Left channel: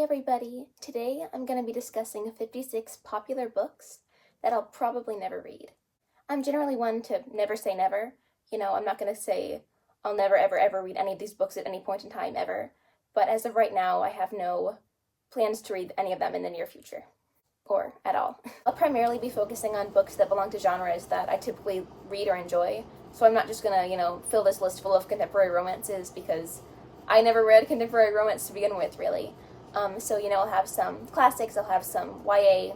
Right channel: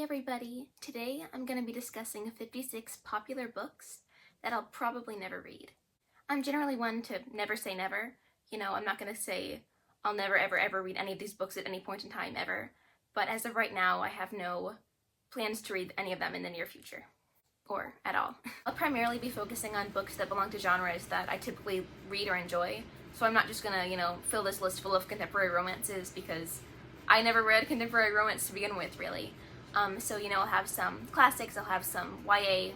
Hey everybody! Today I'm going to be discussing 56 popular books that I'll probably never read. I'm generally one to never say never. I'm not going to say I'll never ever read any of these books at any point in time ever, but as of right now I have no plans to read any of them in the near future, or at all. I'll primarily be focusing on books that belong to genres that I typically read or enjoy, so I'm not just going to, fill this list full of contemporary romances because I never read contemporary romance to begin with, really. I'll have some classics, I'll have some YA,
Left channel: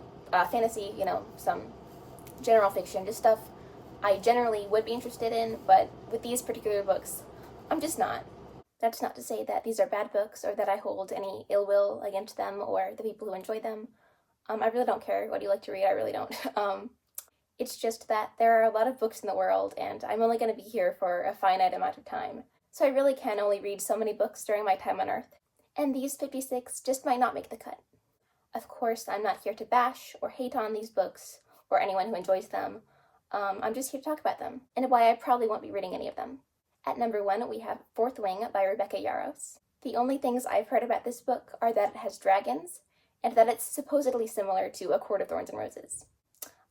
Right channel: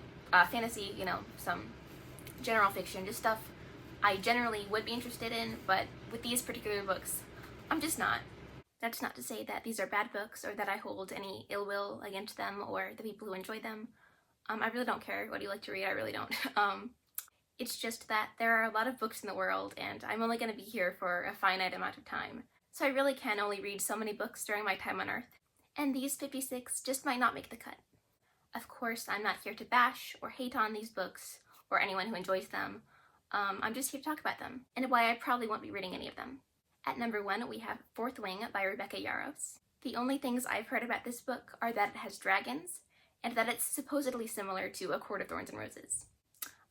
fantasy, some general fiction, just stuff I generally would be interested in, but with these particular books, I'm just not. That's not to say that these are bad books or that I hold any ill will against them or the people who enjoy them. I really don't care what you like to read, I really don't. It's just that there are a lot of books in the world, and I'm only going to be here for a finite amount of time, so I really can only read so many books during my time on Earth. And these 56 just might not make the cut. Of course, I'm not here to bash or hate on these books or anyone who enjoys them. I'm just here to talk about them, and why I probably won't be reading any of them. At number 1, we have Fourth Wing by Rebecca Yarros. The only things I've heard about this book are that it has dragons, and that it's supposedly similar to A Court of Thorns and Roses.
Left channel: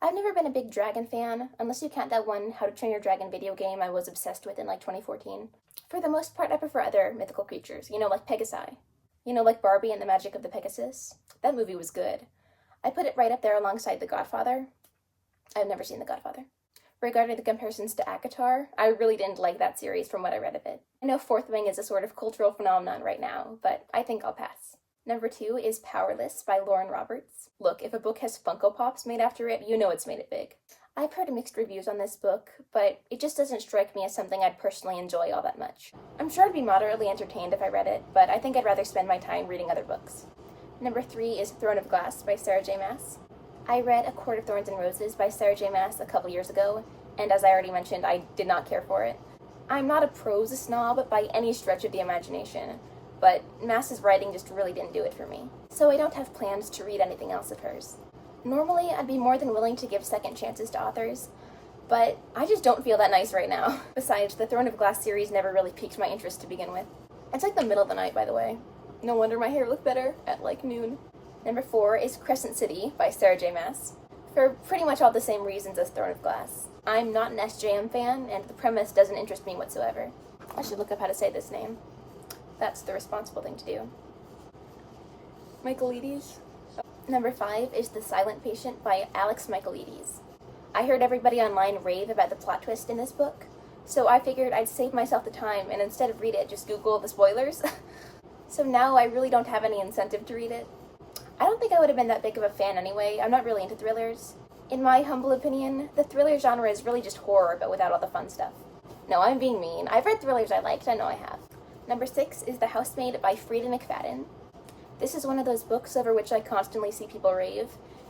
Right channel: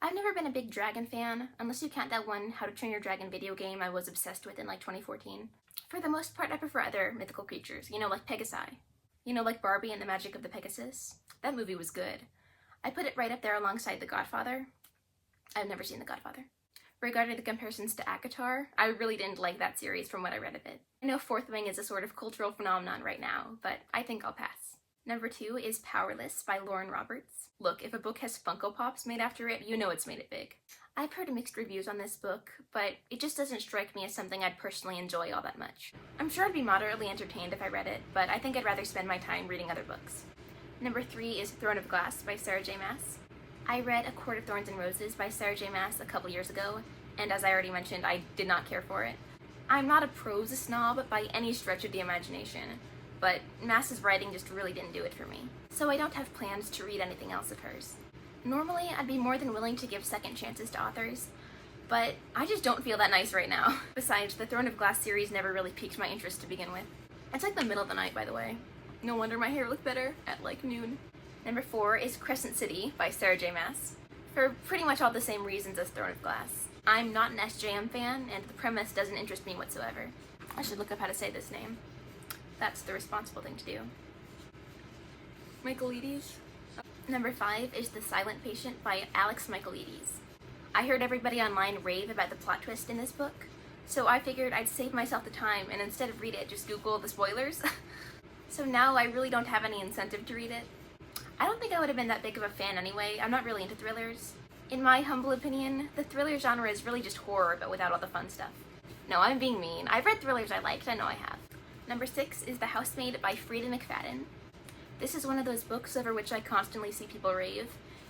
I've never been a big dragon fan, unless you count that one How to Train Your Dragon video game I was obsessed with in 2014. For the most part, I prefer other mythical creatures, like Pegasi. Like Barbie and the Magic of the Pegasus. That movie was good. I put it right up there alongside The Godfather. I've never seen The Godfather. Regarding the comparisons to ACOTAR, I really didn't like that series from what I read of it. I know Fourth Wing is a sort of cultural phenomenon right now, but I think I'll pass. Number 2 is Powerless by Lauren Roberts. Look, if a book has Funko Pops made after it, you know it's made it big. I've heard mixed reviews on this book, but it just doesn't strike me as something I'd personally enjoy all that much. I'm sure I'd be moderately entertained if I read it, but I think I'd rather spend my time reading other books. Number 3 is Throne of Glass by Sarah J. Maas. I read A Court of Thorns and Roses by Sarah J. Maas a couple years ago, and as I already mentioned, I did not care for it. I'm not a prose snob by any stretch of the imagination, but Maas's writing just really didn't do it for me. So I don't have plans to read anything else of hers. Normally, I'd be more than willing to give second chances to authors, but I just don't feel that nice right now. Besides, the Throne of Glass series never really piqued my interest to begin with. It's like the middle of the night, by the way. No wonder my hair looked better at noon. Number 4 is Crescent City by Sarah J. Maas, for pretty much all the same reasons as Throne of Glass. I'm not an SJM fan, and the premise doesn't interest me whatsoever. I should look up how to say this name. That's the responsible thing to do. Michaelides? Number 5 is The Silent Patient by Alex Michaelides. I heard everybody online rave about the plot twist in this book, so I figured I'd save myself the time and instead of read it, just Google the spoilers. So now I really don't have any incentive to read it. I don't think I would have been that big of a fan anyway. I'm not really into thrillers. In my humble opinion, the thriller genre is really just horror, but without all the fun stuff. No, I'm being mean. I've read thrillers I liked, I know I have. Number 6 is The Housemaid by Frida McFadden. This is one of those books over which I constantly see people rave,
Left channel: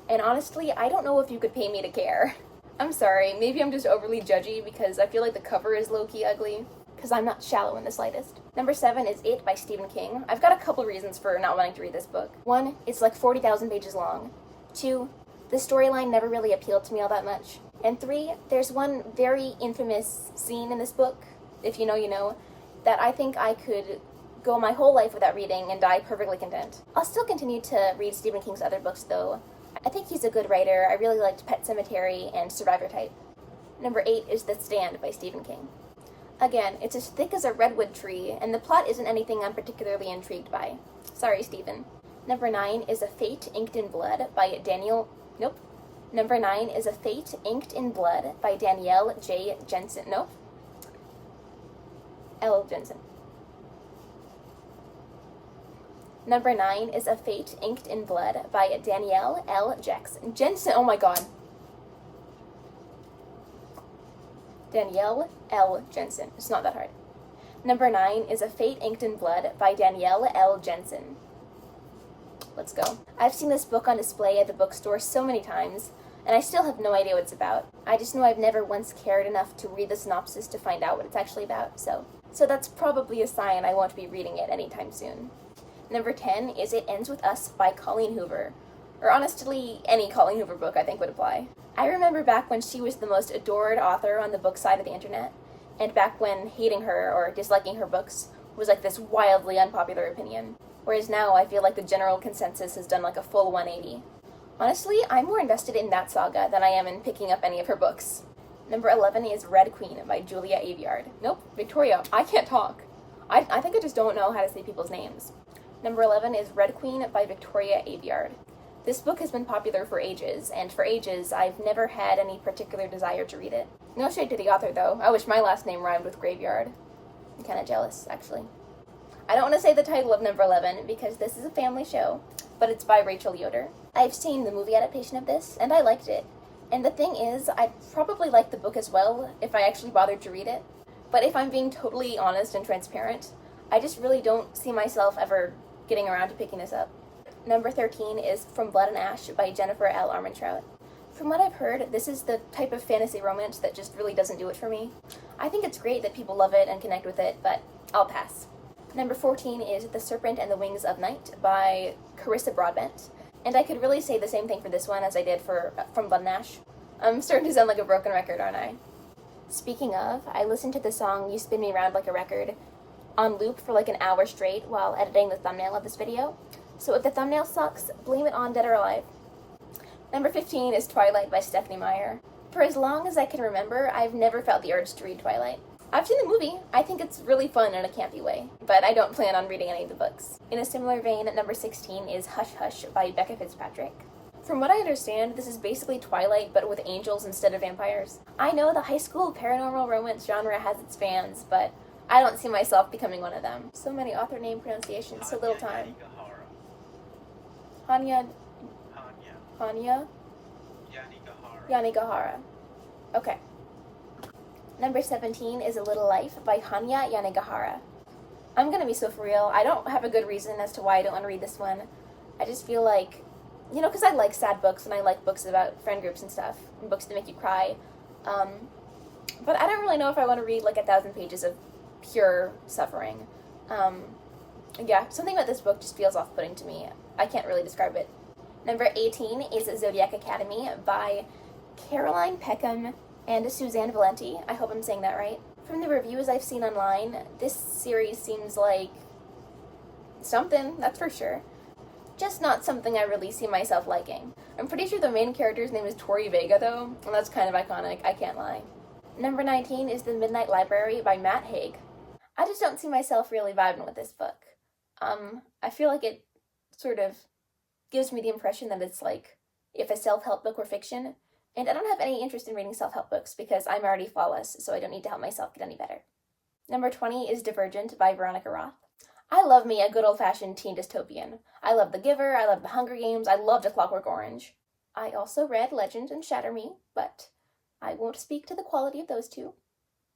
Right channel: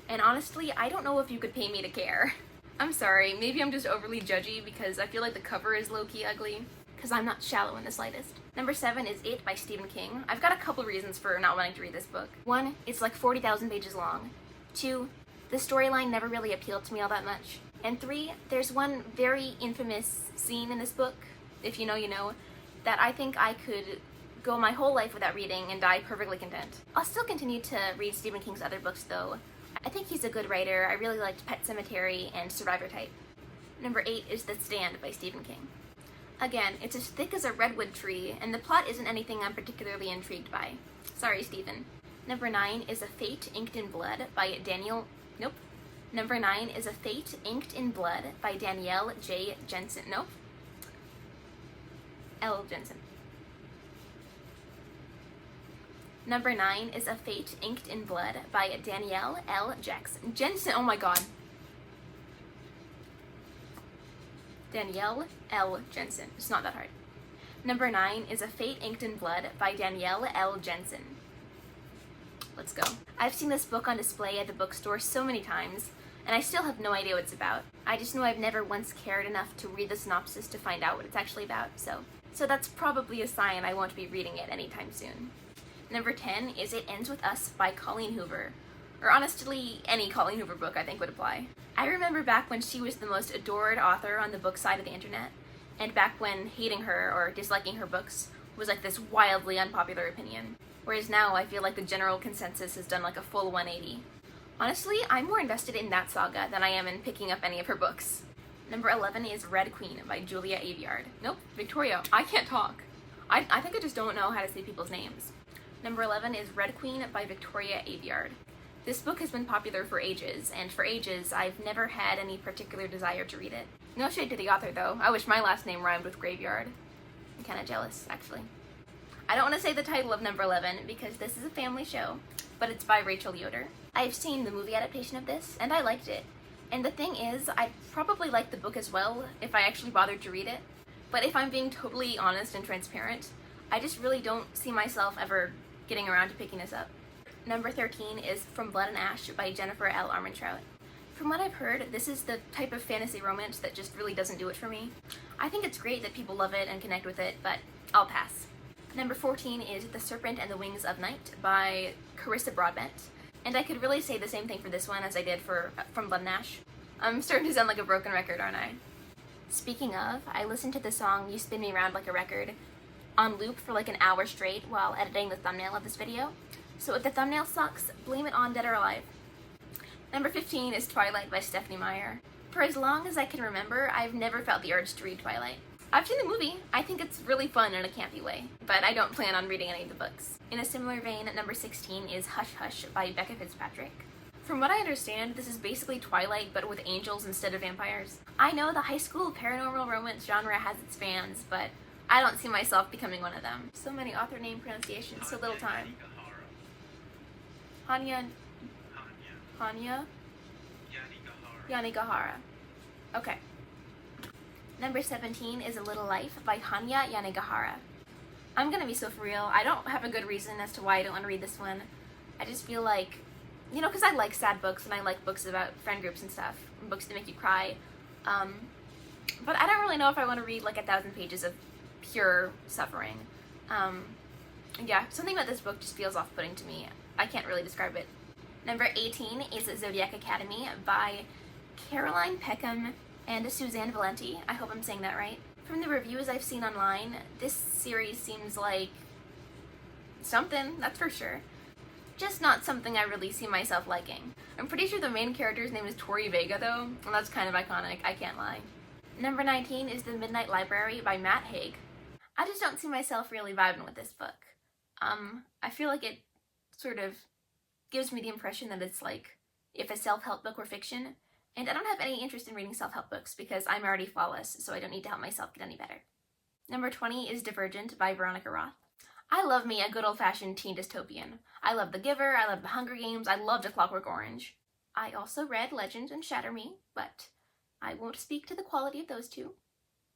and honestly, I don't know if you could pay me to care. I'm sorry, maybe I'm just overly judgy because I feel like the cover is low-key ugly, because I'm not shallow in the slightest. Number 7 is It by Stephen King. I've got a couple reasons for not wanting to read this book. 1, it's like 40,000 pages long. 2, the storyline never really appealed to me all that much. And 3, there's one very infamous scene in this book, if you know, you know, that I think I could go my whole life without reading and die perfectly content. I'll still continue to read Stephen King's other books though. I think he's a good writer. I really liked Pet Sematary and Survivor Type. Number 8 is The Stand by Stephen King. Again, it's as thick as a redwood tree, and the plot isn't anything I'm particularly intrigued by. Sorry, Stephen. Number 9 is A Fate Inked in Blood by Number 9 is A Fate Inked in Blood by Danielle J. Jensen. L. Jensen. Number 9 is A Fate Inked in Blood by Danielle L. Jensen. Oh my god. Danielle L. Jensen. It's not that hard. Number 9 is A Fate Inked in Blood by Danielle L. Jensen. Let's go. I've seen this book on display at the bookstore so many times, and I still have no idea what it's about. I just know I've never once cared enough to read the synopsis to find out what it's actually about, so that's probably a sign I won't be reading it anytime soon. Number 10 is It Ends With Us by Colleen Hoover. Or honestly, any Colleen Hoover book I think would apply. I remember back when she was the most adored author on the book side of the internet, and back when hating her or disliking her books was like this wildly unpopular opinion. whereas now I feel like the general consensus has done like a full 180. Honestly, I'm more invested in that saga than I am in picking up any of her books. Number 11 is Red Queen by Julia Aveyard. Nope, Victoria, I can't talk. I think I just don't know how to say people's names. Number 11 is Red Queen by Victoria Aveyard. This book has been popular for ages, and for ages, I've never had any particular desire to read it. No shade to the author, though. I wish my last name rhymed with graveyard. I'm kind of jealous, actually. I don't want to say the title of number 11 because this is a family show, but it's by Rachel Yoder. I've seen the movie adaptation of this, and I liked it. And the thing is, I'd probably like the book as well if I actually bothered to read it. But if I'm being totally honest and transparent, I just really don't see myself ever getting around to picking this up. Number 13 is From Blood and Ash by Jennifer L. Armentrout. From what I've heard, this is the type of fantasy romance that just really doesn't do it for me. I think it's great that people love it and connect with it, but I'll pass. Number 14 is The Serpent and the Wings of Night by Carissa Broadbent. And I could really say the same thing for this one as I did for From Blood and Ash. I'm starting to sound like a broken record, aren't I? Speaking of, I listened to the song You Spin Me Round Like a Record on loop for like an hour straight while editing the thumbnail of this video. So if the thumbnail sucks, blame it on Dead or Alive. Number 15 is Twilight by Stephenie Meyer. For as long as I can remember, I've never felt the urge to read Twilight. I've seen the movie. I think it's really fun in a campy way, but I don't plan on reading any of the books. In a similar vein, number 16 is Hush Hush by Becca Fitzpatrick. From what I understand, this is basically Twilight, but with angels instead of vampires. I know the high school paranormal romance genre has its fans, but I don't see myself becoming one of them. So many author name pronunciations, so little time. Hanya Yanagihara. Okay. Number 17 is A Little Life by Hanya Yanagihara. I'm gonna be so for real. I don't have a good reason as to why I don't want to read this one. I just feel like, because I like sad books and I like books about friend groups and stuff, and books that make you cry. But I don't really know if I want to read like 1,000 pages of pure suffering. Yeah, something about this book just feels off-putting to me. I can't really describe it. Number 18 is Zodiac Academy by Caroline Peckham and Suzanne Valenti. I hope I'm saying that right. From the reviews I've seen online, this series seems like something, that's for sure. Just not something I really see myself liking. I'm pretty sure the main character's name is Tori Vega though, and that's kind of iconic, I can't lie. Number 19 is The Midnight Library by Matt Haig. I just don't see myself really vibing with this book. I feel like it sort of gives me the impression that it's like if a self-help book were fiction, and I don't have any interest in reading self-help books because I'm already flawless, so I don't need to help myself get any better. Number 20 is Divergent by Veronica Roth. I love me a good old-fashioned teen dystopian. I love The Giver, I love The Hunger Games, I loved A Clockwork Orange. I also read Legend and Shatter Me, but I won't speak to the quality of those two.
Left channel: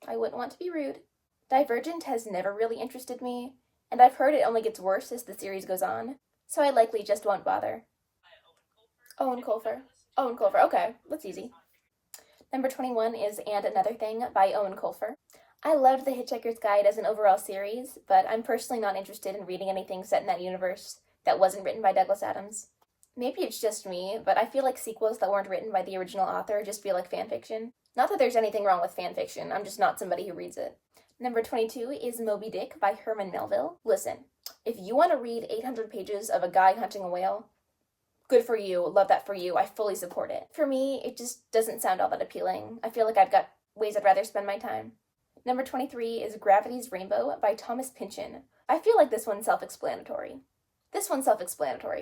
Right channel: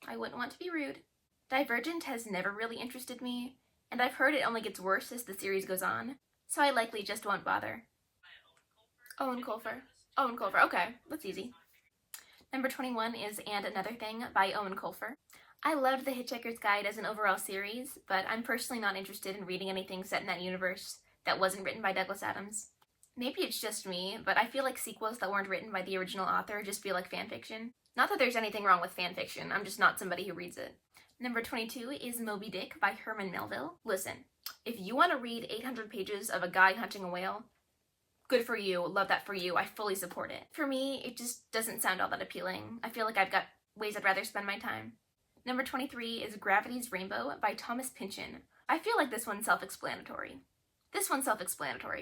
I wouldn't want to be rude. Divergent has never really interested me, and I've heard it only gets worse as the series goes on, so I likely just won't bother. Owen Colfer, okay, that's easy. Number 21 is And Another Thing by Owen Colfer. I loved The Hitchhiker's Guide as an overall series, but I'm personally not interested in reading anything set in that universe that wasn't written by Douglas Adams. Maybe it's just me, but I feel like sequels that weren't written by the original author just feel like fanfiction. Not that there's anything wrong with fanfiction, I'm just not somebody who reads it. Number 22 is Moby Dick by Herman Melville. Listen, if you want to read 800 pages of a guy hunting a whale, good for you, love that for you, I fully support it. For me, it just doesn't sound all that appealing. I feel like I've got ways I'd rather spend my time. Number 23 is Gravity's Rainbow by Thomas Pynchon. I feel like this one's self-explanatory.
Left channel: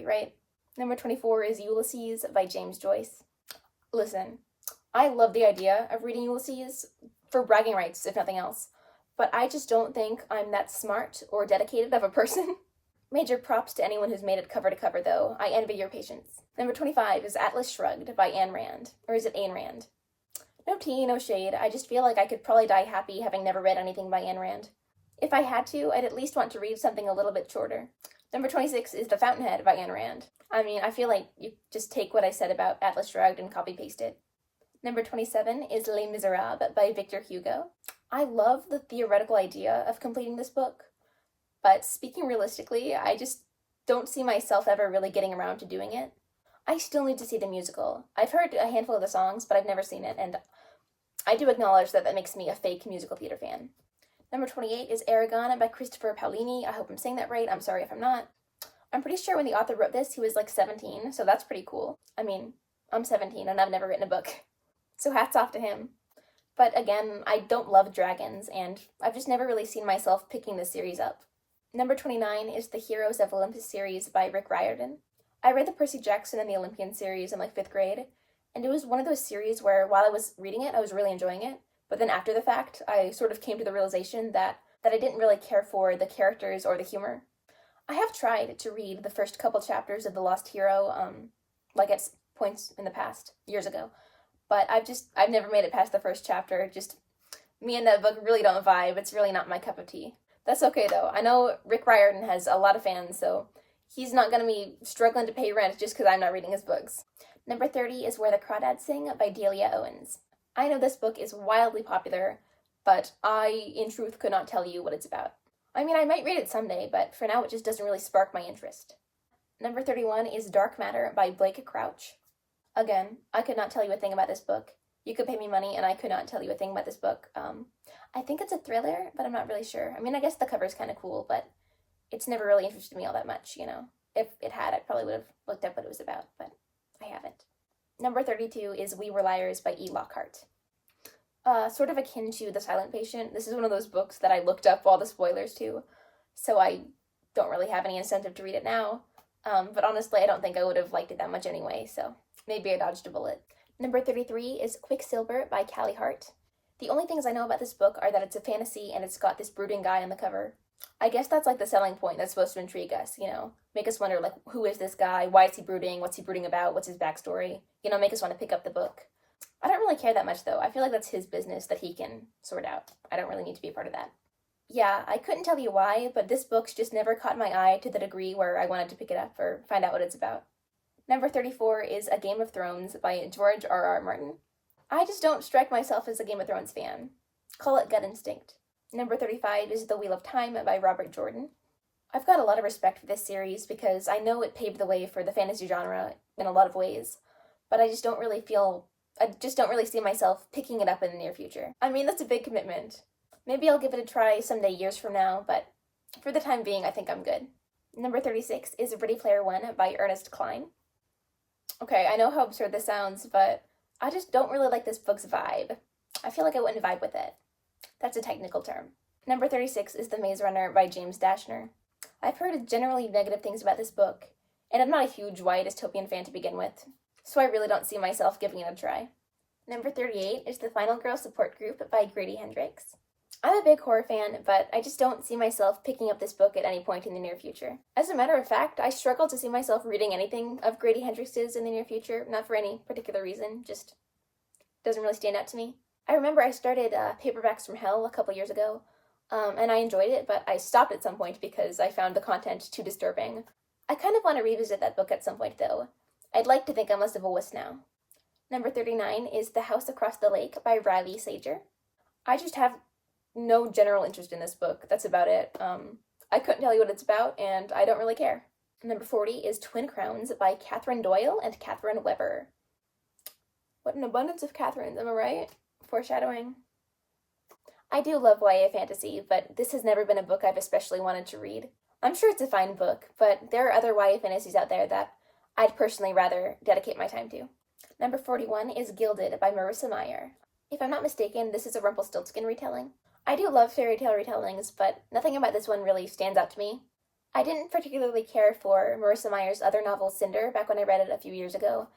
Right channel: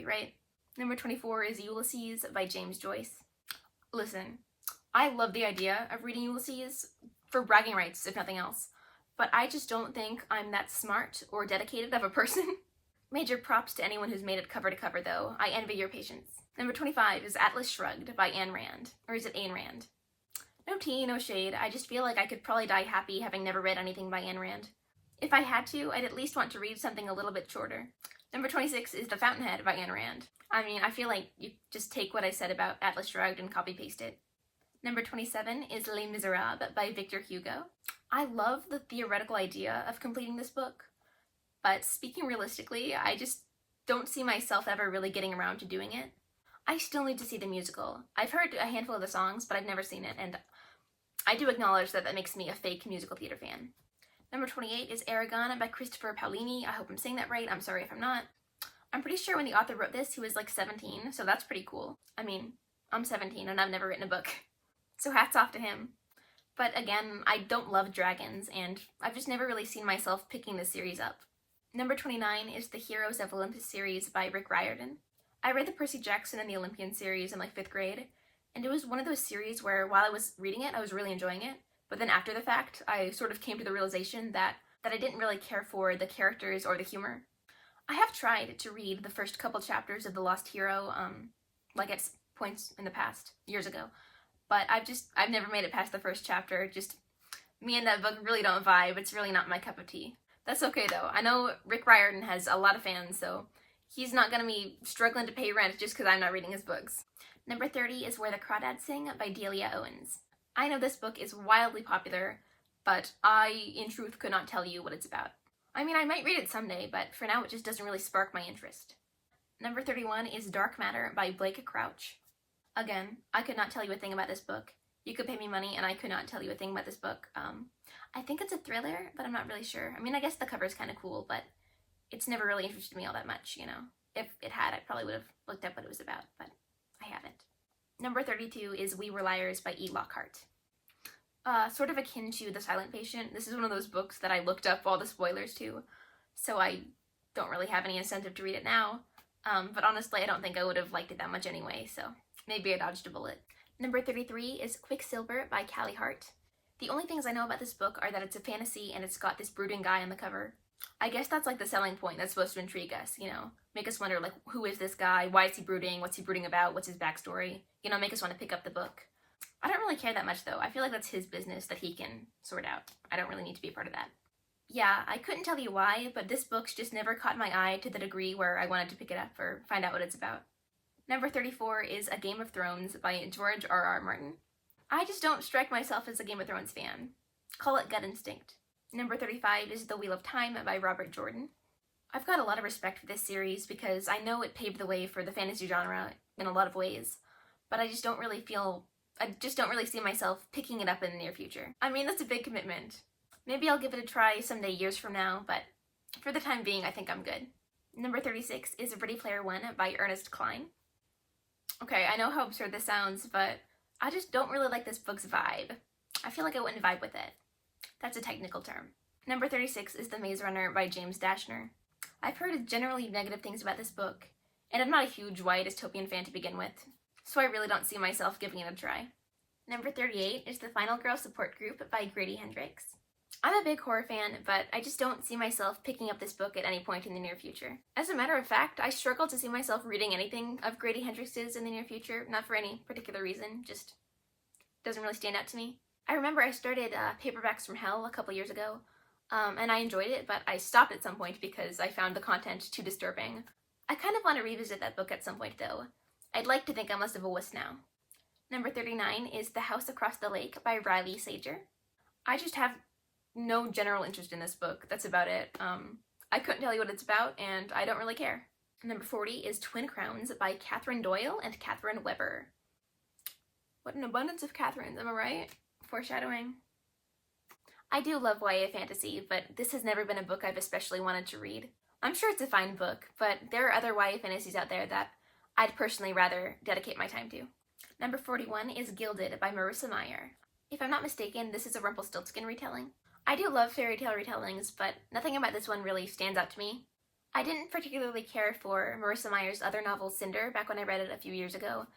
Right? Number 24 is Ulysses by James Joyce. Listen, I love the idea of reading Ulysses for bragging rights, if nothing else, but I just don't think I'm that smart or dedicated of a person. Major props to anyone who's made it cover to cover, though. I envy your patience. Number 25 is Atlas Shrugged by Ayn Rand. Or is it Ayn Rand? No tea, no shade. I just feel like I could probably die happy having never read anything by Ayn Rand. If I had to, I'd at least want to read something a little bit shorter. Number 26 is The Fountainhead by Ayn Rand. I mean, I feel like you just take what I said about Atlas Shrugged and copy-paste it. Number 27 is Les Miserables by Victor Hugo. I love the theoretical idea of completing this book, but speaking realistically, I just don't see myself ever really getting around to doing it. I still need to see the musical. I've heard a handful of the songs, but I've never seen it, and I do acknowledge that makes me a fake musical theater fan. Number 28 is Aragon by Christopher Paolini. I hope I'm saying that right. I'm sorry if I'm not. I'm pretty sure when the author wrote this, he was like 17, so that's pretty cool. I mean, I'm 17 and I've never written a book, so hats off to him. But again, I don't love dragons, and I've just never really seen myself picking this series up. Number 29 is the Heroes of Olympus series by Rick Riordan. I read the Percy Jackson and the Olympian series in like 5th grade, and it was one of those series where while I was reading it, I was really enjoying it, but then after the fact, I sort of came to the realization that I didn't really care for the characters or the humor. I have tried to read the first couple chapters of The Lost Hero, like at points in the past, years ago, but I've never made it past the first chapter. Just, me and that book really don't vibe. It's really not my cup of tea. That's okay though. I know Rick Riordan has a lot of fans, so he's not gonna be struggling to pay rent just because I'm not reading his books. Number 30 is Where the Crawdads Sing by Delia Owens. I know this book is wildly popular, but I, in truth, could not tell you what it's about. I mean, I might read it someday, but for now it just doesn't really spark my interest. Number 31 is Dark Matter by Blake Crouch. Again, I could not tell you a thing about this book. You could pay me money and I could not tell you a thing about this book. I think it's a thriller, but I'm not really sure. I mean, I guess the cover's kind of cool, but it's never really interested me all that much, you know. If it had, I probably would have looked up what it was about, but I haven't. Number 32 is We Were Liars by E. Lockhart. Sort of akin to The Silent Patient, this is one of those books that I looked up all the spoilers to, so I don't really have any incentive to read it now. But honestly, I don't think I would have liked it that much anyway, so maybe I dodged a bullet. Number 33 is Quicksilver by Callie Hart. The only things I know about this book are that it's a fantasy and it's got this brooding guy on the cover. I guess that's like the selling point that's supposed to intrigue us, you know? Make us wonder, like, who is this guy? Why is he brooding? What's he brooding about? What's his backstory? You know, make us want to pick up the book. I don't really care that much, though. I feel like that's his business that he can sort out. I don't really need to be a part of that. Yeah, I couldn't tell you why, but this book's just never caught my eye to the degree where I wanted to pick it up or find out what it's about. Number 34 is A Game of Thrones by George R.R. Martin. I just don't strike myself as a Game of Thrones fan. Call it gut instinct. Number 35 is The Wheel of Time by Robert Jordan. I've got a lot of respect for this series because I know it paved the way for the fantasy genre in a lot of ways, but I just don't really see myself picking it up in the near future. I mean, that's a big commitment. Maybe I'll give it a try someday years from now, but for the time being, I think I'm good. Number 36 is Ready Player One by Ernest Cline. Okay, I know how absurd this sounds, but I just don't really like this book's vibe. I feel like I wouldn't vibe with it. That's a technical term. Number 36 is The Maze Runner by James Dashner. I've heard generally negative things about this book, and I'm not a huge YA dystopian fan to begin with, so I really don't see myself giving it a try. Number 38 is The Final Girl Support Group by Grady Hendrix. I'm a big horror fan, but I just don't see myself picking up this book at any point in the near future. As a matter of fact, I struggle to see myself reading anything of Grady Hendrix's in the near future, not for any particular reason, just doesn't really stand out to me. I remember I started Paperbacks from Hell a couple years ago, and I enjoyed it, but I stopped at some point because I found the content too disturbing. I kind of want to revisit that book at some point, though. I'd like to think I'm less of a wuss now. Number 39 is The House Across the Lake by Riley Sager. I just have no general interest in this book. That's about it. I couldn't tell you what it's about, and I don't really care. Number 40 is Twin Crowns by Catherine Doyle and Catherine Weber. What an abundance of Catherines, am I right? Foreshadowing. I do love YA fantasy, but this has never been a book I've especially wanted to read. I'm sure it's a fine book, but there are other YA fantasies out there that I'd personally rather dedicate my time to. Number 41 is Gilded by Marissa Meyer. If I'm not mistaken, this is a Rumpelstiltskin retelling. I do love fairy tale retellings, but nothing about this one really stands out to me. I didn't particularly care for Marissa Meyer's other novel, Cinder, back when I read it a few years ago,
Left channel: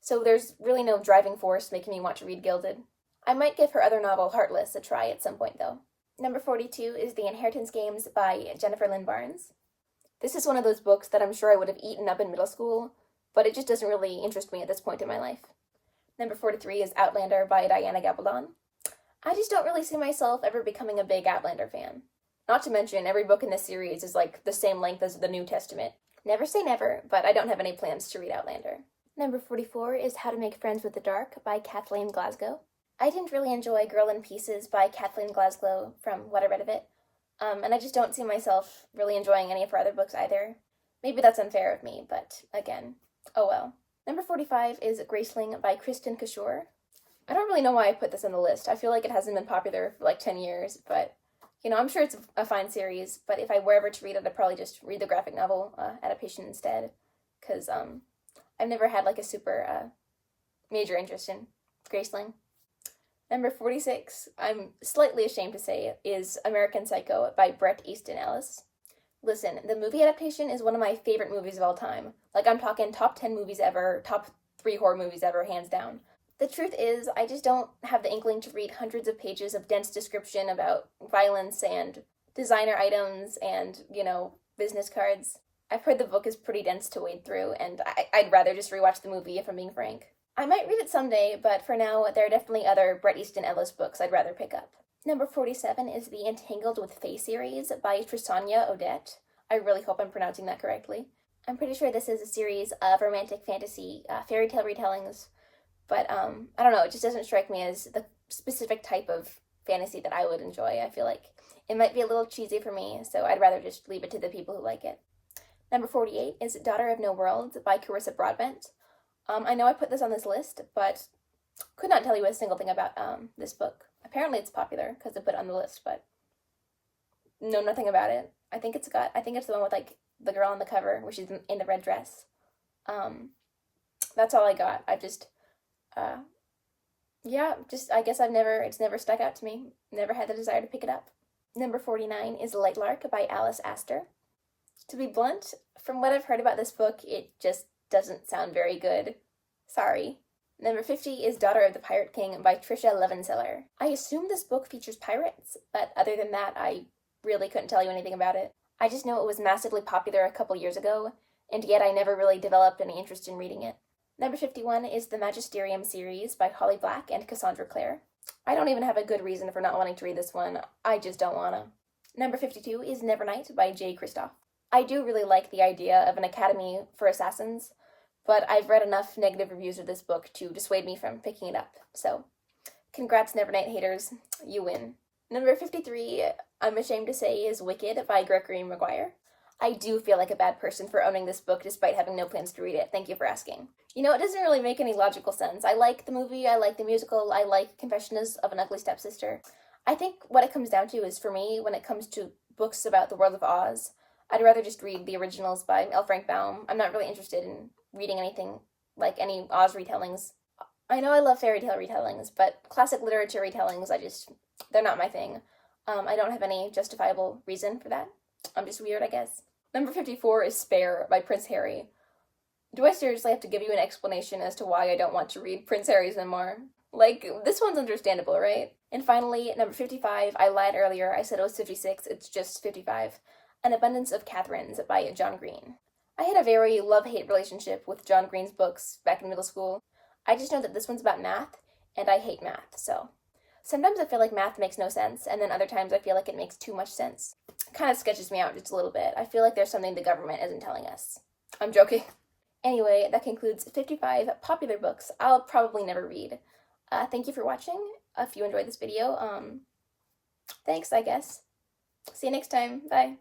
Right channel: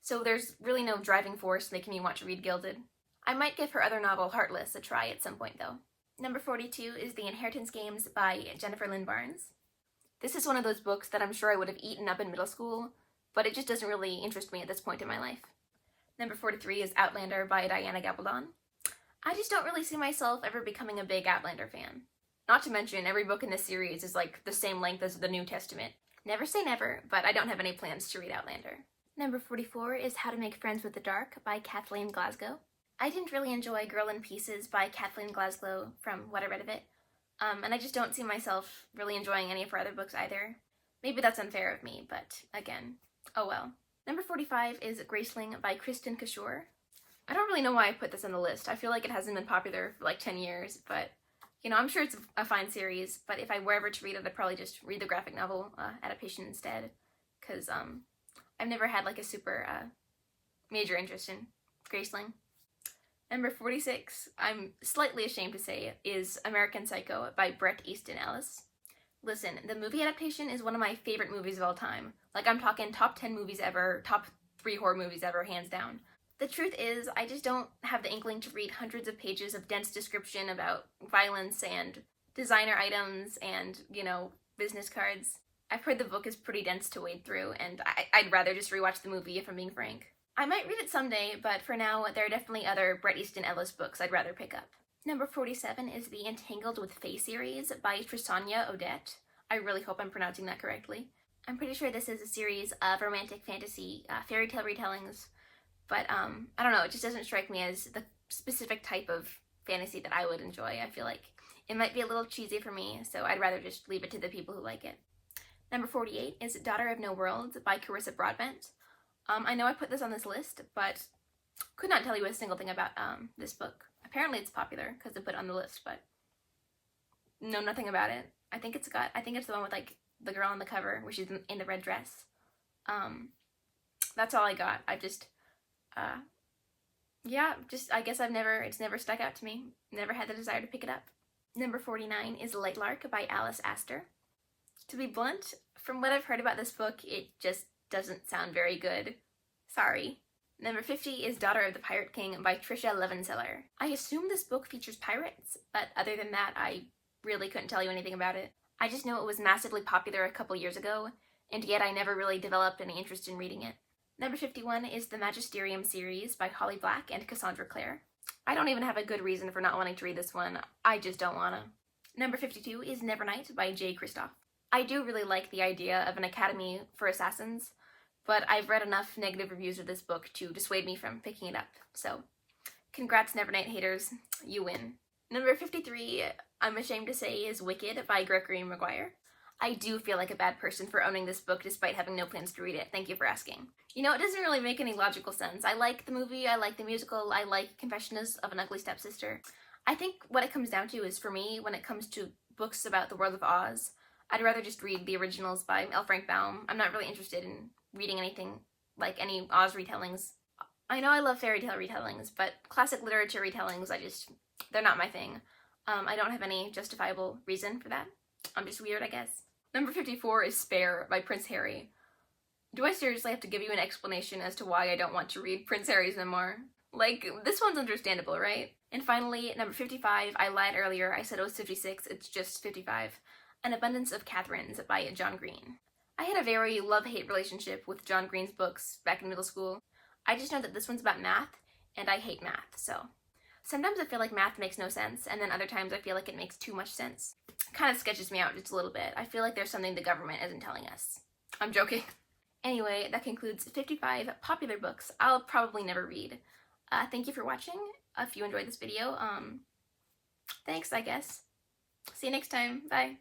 so there's really no driving force making me want to read Gilded. I might give her other novel, Heartless, a try at some point, though. Number 42 is The Inheritance Games by Jennifer Lynn Barnes. This is one of those books that I'm sure I would have eaten up in middle school, but it just doesn't really interest me at this point in my life. Number 43 is Outlander by Diana Gabaldon. I just don't really see myself ever becoming a big Outlander fan. Not to mention, every book in this series is like the same length as the New Testament. Never say never, but I don't have any plans to read Outlander. Number 44 is How to Make Friends with the Dark by Kathleen Glasgow. I didn't really enjoy Girl in Pieces by Kathleen Glasgow from what I read of it, and I just don't see myself really enjoying any of her other books either. Maybe that's unfair of me, but again, oh well. Number 45 is Graceling by Kristen Cashore. I don't really know why I put this on the list. I feel like it hasn't been popular for like 10 years, but You know, I'm sure it's a fine series, but if I were ever to read it, I'd probably just read the graphic novel adaptation instead, because I've never had like a super major interest in Graceling. Number 46, I'm slightly ashamed to say, is American Psycho by Bret Easton Ellis. Listen, the movie adaptation is one of my favorite movies of all time. Like, I'm talking top 10 movies ever, top 3 horror movies ever, hands down. The truth is, I just don't have the inkling to read hundreds of pages of dense description about violence and designer items and, you know, business cards. I've heard the book is pretty dense to wade through, and I'd rather just rewatch the movie if I'm being frank. I might read it someday, but for now, there are definitely other Bret Easton Ellis books I'd rather pick up. Number 47 is the Entangled with Fae series by Trisanya Odette. I really hope I'm pronouncing that correctly. I'm pretty sure this is a series of romantic fantasy fairy tale retellings, but I don't know, it just doesn't strike me as the specific type of fantasy that I would enjoy. I feel like it might be a little cheesy for me, so I'd rather just leave it to the people who like it. Number 48 is Daughter of No World by Carissa Broadbent. I know I put this on this list, but could not tell you a single thing about this book. Apparently it's popular because I put it on the list, but know nothing about it. I think it's the one with like the girl on the cover where she's in the red dress. That's all I got. I just I guess it's never stuck out to me. Never had the desire to pick it up. Number 49 is Light Lark by Alice Astor. To be blunt, from what I've heard about this book, it just doesn't sound very good. Sorry. Number 50 is Daughter of the Pirate King by Tricia Levenseller. I assume this book features pirates, but other than that, I really couldn't tell you anything about it. I just know it was massively popular a couple years ago, and yet I never really developed any interest in reading it. Number 51 is the Magisterium series by Holly Black and Cassandra Clare. I don't even have a good reason for not wanting to read this one. I just don't wanna. Number 52 is Nevernight by Jay Kristoff. I do really like the idea of an academy for assassins, but I've read enough negative reviews of this book to dissuade me from picking it up. So, congrats Nevernight haters, you win. Number 53, I'm ashamed to say, is Wicked by Gregory Maguire. I do feel like a bad person for owning this book despite having no plans to read it. Thank you for asking. You know, it doesn't really make any logical sense. I like the movie, I like the musical, I like Confessions of an Ugly Stepsister. I think what it comes down to is, for me, when it comes to books about the world of Oz, I'd rather just read the originals by L. Frank Baum. I'm not really interested in reading anything like any Oz retellings. I know I love fairy tale retellings, but classic literature retellings, they're not my thing. I don't have any justifiable reason for that. I'm just weird, I guess. Number 54 is Spare by Prince Harry. Do I seriously have to give you an explanation as to why I don't want to read Prince Harry's memoir? Like, this one's understandable, right? And finally, number 55, I lied earlier, I said it was 56, it's just 55. An Abundance of Catherines by John Green. I had a very love-hate relationship with John Green's books back in middle school. I just know that this one's about math, and I hate math, so. Sometimes I feel like math makes no sense, and then other times I feel like it makes too much sense. It kind of sketches me out just a little bit. I feel like there's something the government isn't telling us. I'm joking. Anyway, that concludes 55 popular books I'll probably never read. Thank you for watching. If you enjoyed this video, thanks, I guess. See you next time. Bye.